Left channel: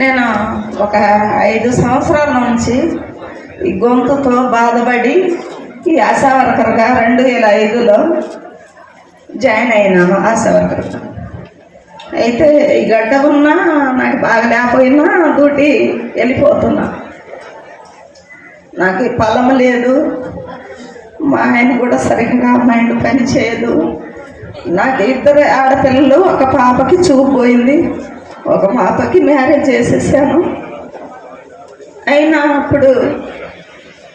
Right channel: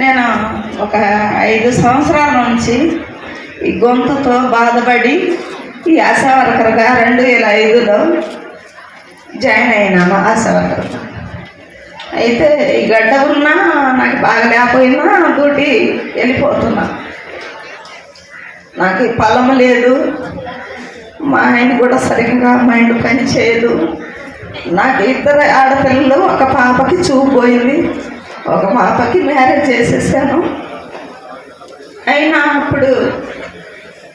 నేను ఒక ఐదు సంవత్సరాల నుంచి ఈ గొంతుతో బాధపడి ఈ ఆశా వర్కర్గా రెండు వేల ఐదులో జాయిన్ అయినాము ఆశా వర్కర్. అయితే ఈ గడ్డ ఉన్నా నాకు బాగా లేకపోయినా డ్యూటీ వెళ్ళిపోతున్నా. నాకు పొలం లేదు మా ఆయన కూడా సరిగ్గా మైండ్ పని చేయదు. నాకు ఇద్దరు ఆడపిల్లలు ఒక పాపకి చూపు పోయింది. ఒక పాపకి మ్యారేజ్ చేసేసాను. అయినా అప్పుడు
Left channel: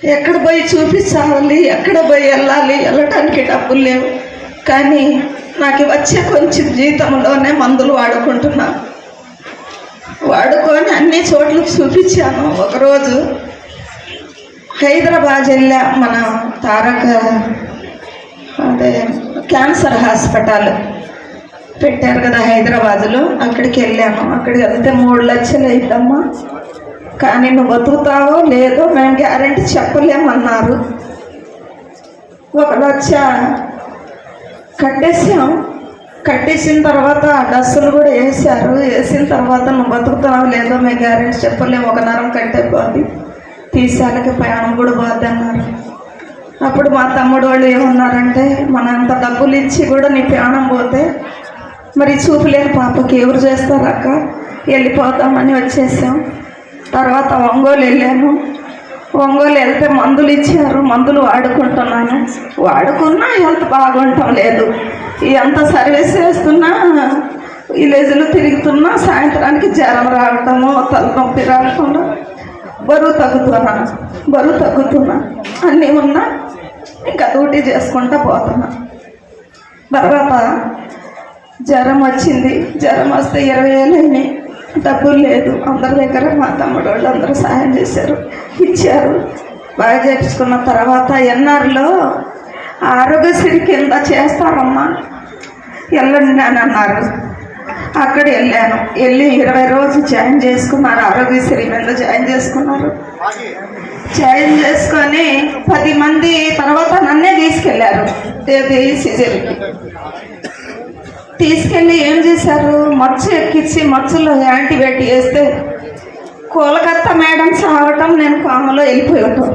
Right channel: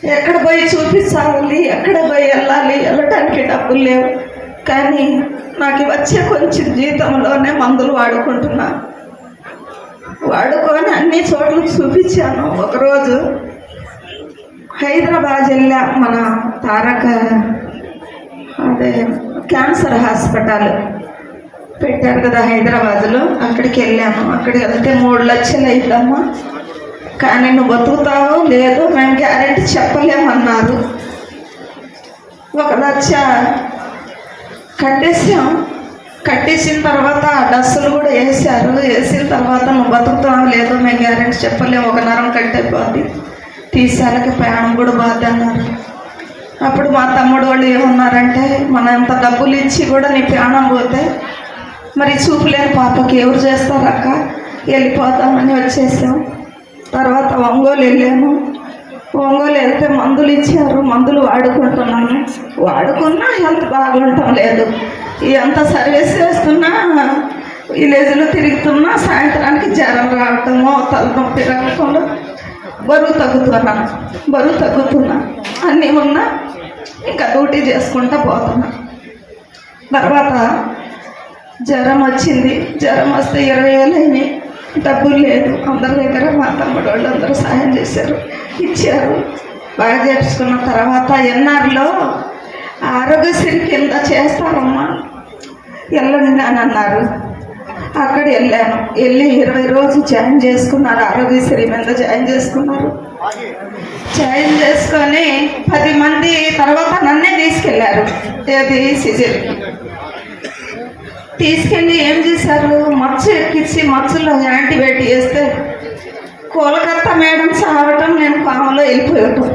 ఎక్కడ పోయి చూపించాలి ఎక్కడ పోయి వెళ్ళాలి వెళ్ళటానికి డబ్బులు లేవు. కానీ నాకు వచ్చే కొంచెం జీతంలోనే మందులు వాడుకుంటున్నా. వాడుకొని అన్ని చోట్లకి చూపించాను. ఒకరోజు హైదరాబాద్ వెళ్ళా మన తారక అదే క్యాన్సర్ హాస్పిటల్. పెట్టారు కదా హైదరాబాద్లో. అక్కడికి వెళ్ళాము. అక్కడికి వెళ్తే మూడు లక్షలు అయిందమ్మా. కానీ నువ్వు బతుకుతావో లేదో మేము గ్యారంటీ చెప్పలేమన్నారు ఒక లక్ష కట్టేసాం కట్టేసిన తర్వాత డస్సులు కూడా వేసారు వేసిన తర్వాత నువ్వు బతుకుతావు లేదో మేము గ్యారెంటీ చెప్పలేము. ఒక నరం కట్టేపోద్ది. తీసాలకి ప్రయాణం కూడా బాధ అన్నారు అప్పుడు మా తమ్ముడు వాళ్ళు ఏమన్నారంటే మనంత డబ్బులు ఇచ్చి కూడా నీ ప్రాణం పోతే మరి చూపులేని పాపకి ఎవరు చేస్తారు అక్క? వెళ్ళిపోతామని వచ్చేసాం. తర్వాత ఒంగోలు వెళ్ళాను. ఒంగోలు వెళ్తే మందులు ఇచ్చారు. మందులు వాడుకుంటున్నాను. వాడుకున్నా హెల్త్ బాగుండటం లేదు. ఎంత సర్వీస్ చేస్తున్నా విలేజ్లో తిరుగుతున్నా సాయంత్రానికి జ్వరం రావటము తలనొప్పి రావటంలో బరువు తగ్గుతున్నాను బరువు తగ్గుతున్నా. అన్నీ ఉన్నా ఇంకా డ్యూటీ చేసుకుంటా పోతున్నా. తర్వాత జ్వరం వచ్చింది. జ్వరం వస్తే ఇరవై వేలు అయినాయి. డబ్బులు లేదు. అందరి దగ్గర మా తమ్ముడు వాళ్ళు అందరూ సహాయం చేశారు. ఇచ్చారు. బాగా చేపించుకున్న తర్వాత ఎన్ఆర్లో ఆరోగ్యశ్రీ కింద చేస్తారమ్మా. వెళ్ళండి అని అన్నారు. అక్కడ వెళ్ళాను. వెళ్ళి ఇరవై రోజులు జాయిన్ చేసుకున్నారు. ఆరోగ్యశ్రీ మీద జాయిన్ చేసుకున్నారు. జాయిన్ చేసుకొని పది మంది తర్వాత నన్నే తీసుకెళ్ళారు. ఏది సిజర్కి తీసుకెళ్ళి ఏం చేశారు? మచ్చ ఎక్కించి మచ్చలో యాంటీబయాటిక్ వేస్తే కోలకత్తా మేడం చావటం నేను కామలో వెళ్ళిపోయాను.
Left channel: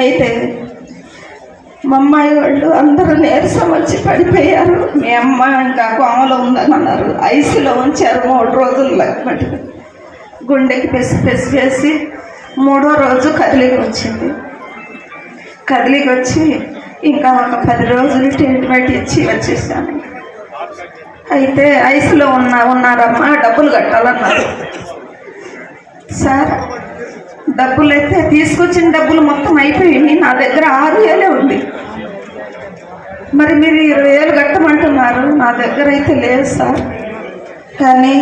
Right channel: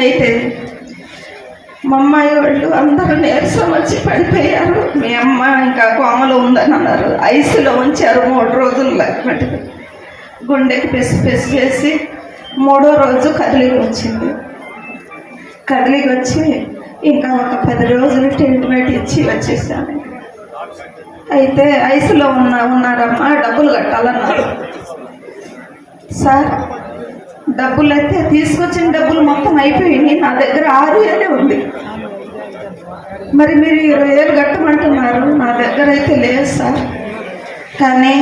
అయితే మా అమ్మాయి వాళ్ళు అందరూ నీరసం వచ్చి పడిపోయారు. మీ అమ్మ ఇంకా కోమలో ఉందని అన్నారు. ఐసీలో ఉంచారు మూడు రోజులు లేకపోతే. గుండెకి పెసి పెసి వేసి మూడో రోజు కదిలికి వచ్చింది. కదిలికి వచ్చి ఇంకా ఒక పది రోజులు ట్రీట్మెంట్ ఇచ్చి వచ్చేసాను. అయితే ఐసులో ఉన్న ఉన్నారమ్మా డబ్బులు కట్టాలన్నారు. సార్ డబ్బులు అయితే తీసుకొచ్చిన డబ్బులు మొత్తం అయిపోయింది నా దగ్గర ఆరు వేలే ఉంది. మరి మీరు ఇరవై వేలు కట్టమంటున్నారు. నా దగ్గర అయితే లేదు సార్. కానీ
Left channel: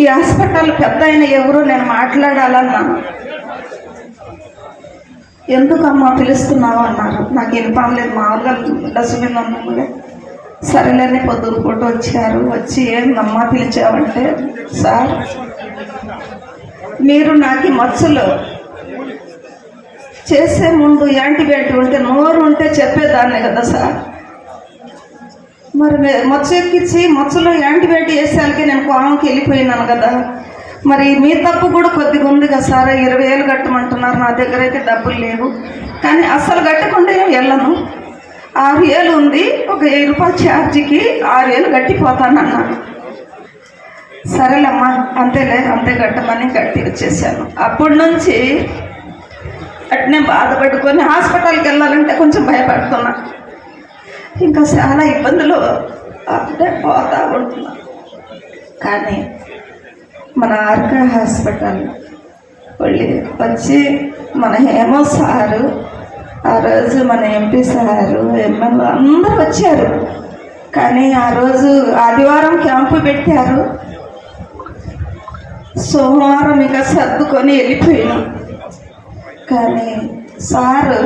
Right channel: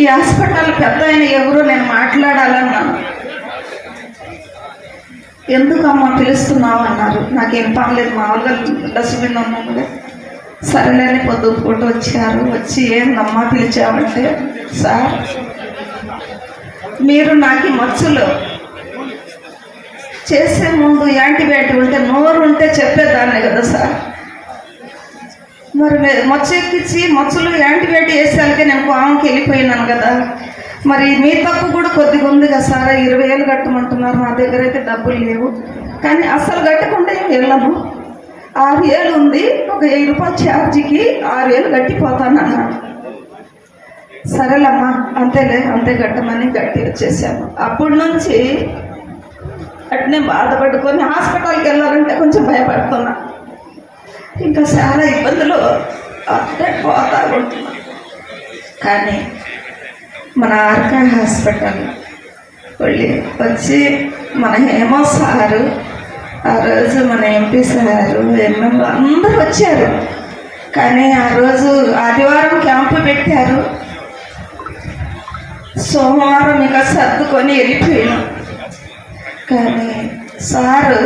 ఈ హాస్పిటల్ పెద్ద ఆయన ఎవరు నేను మాట్లాడాలన్నాను. ఎందుకమ్మా పిలుస్తున్నావు అన్నారు. నాకేం పర్లేదు మామూలుగా డస్ట్బిన్ ఉన్నానుగా సరేలేని పొద్దున్న పూట వచ్చారు. వచ్చి ఏందమ్మా పిలిచావంటే సార్ మీరు నాకు మచ్చలు చేసే ముందు యాంటీబయాటిక్ ఉంటే నోరు ఉంటే చెప్పేదాన్ని కదా సార్. మరి మచ్చ ఎక్కించి మచ్చలు యాంటీబయాటిక్ వేసాకే నేను కోమంకి వెళ్ళిపోయినాను కదా. మరి మీ తప్పు కూడా కొద్దిగా ఉంది కదా సార్ ఇరవై వేలు కట్టమంటున్నారు నా దగ్గర అయితే డబ్బులు లేవు. కానీ అస్సలు కట్టకుండా ఏం వెళ్ళను. ఆరు వేలు ఉంది ఒక వెయ్యి రూపాయల ఛార్జీకి ఆరు వేలు కట్టిపోతానన్నాడు. సరేలమ్మా అంతేలే అంతే కట్టమని కట్టి వచ్చేసాను. అప్పటి నుంచి అట్నే బాధపడుకొని హాస్పిటల్కి వెళ్ళాలంటే కొంచెం భయపడుతున్నా. ఇంకా చాలా ఇబ్బందులు అప్పుడే పోతా ఉంటున్నా. కానీ మన ఆర్కే హాస్పిటల్ వెళ్ళి వచ్చి మన హేమ సారు ఆ రోజు మన ఎంపీ సారు ఎమ్మెల్యే అందరూ వచ్చారు. కానీ ఆ రోజు ఆదివారం క్యాంపు పెట్టారు. సోమవారం ఇక సర్దుకొని వెళ్ళిపోయాను కానీ సారు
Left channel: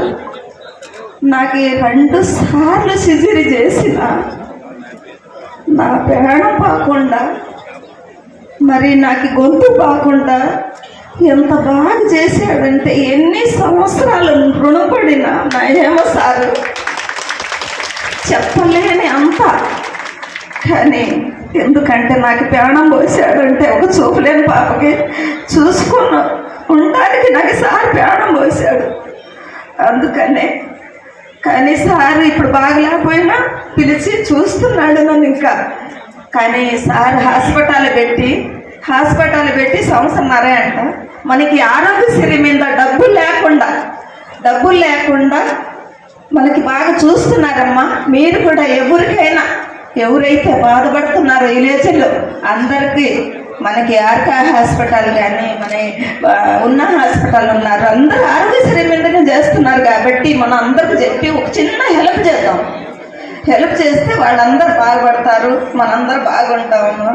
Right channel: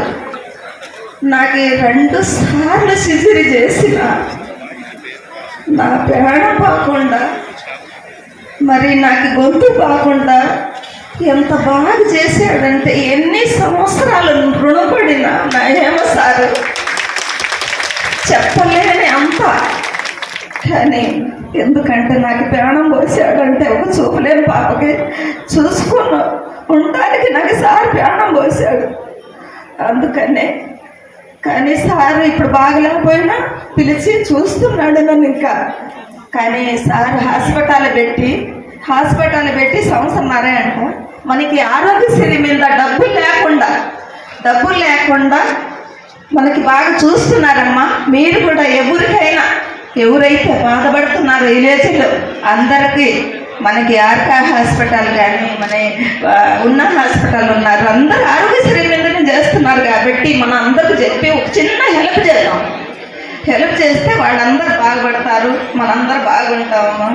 నాకు ఈ రెండు సార్లు సిజరీ చేసిన. నా ప్రాణం కాకుండా మరి నాకు గొంతు బాగుండా ఎంత బాగా చేశాడంటే ఎన్ని సంవత్సరాలు రుణపడిన నా సారు. చెప్పలేని అంత. కానీ ఎందుకంటే నాకు ప్రాణం పోసాడంటే ఒక చూపులేని పాపకి చూసుకున్నా ఉండడానికి నాకు సార్ ప్రాణం పోసాడు. అందుకనే కానీ సార్ ఇప్పుడు బాగలేకపోయినా పిలిచి చూస్తున్నాడు నన్ను ఇంకా. కానీ సార్ హాస్పిటల్ పెట్టి హాస్పిటల్ పెట్టి సంవత్సరంన్నరే అంట. మనకి ఆరోగ్యశ్రీ మీద డబ్బులు లేకుండా డబ్బులు లేకుండా మనకి బాగా చూస్తున్నారమ్మా. మీరు కూడా ఎవరికైనా ఎవరైతే బాధపడుతున్నారో విలేజ్లో అందరికీ మనకి ఆర్కా హాస్పిటల్ కానీ మన ఉన్న హాస్పిటల్ ఉన్నారు అందరూ ఆరోగ్యశ్రీ మీదనే చేస్తున్నారు కాబట్టి మనం అందరికి చెప్పి ఒక చిన్న హెల్ప్ చేద్దాం. హెల్ప్ చేస్తే వాళ్ళందరూ బాగుపడతారు. మనందరూ బాగుంటాము.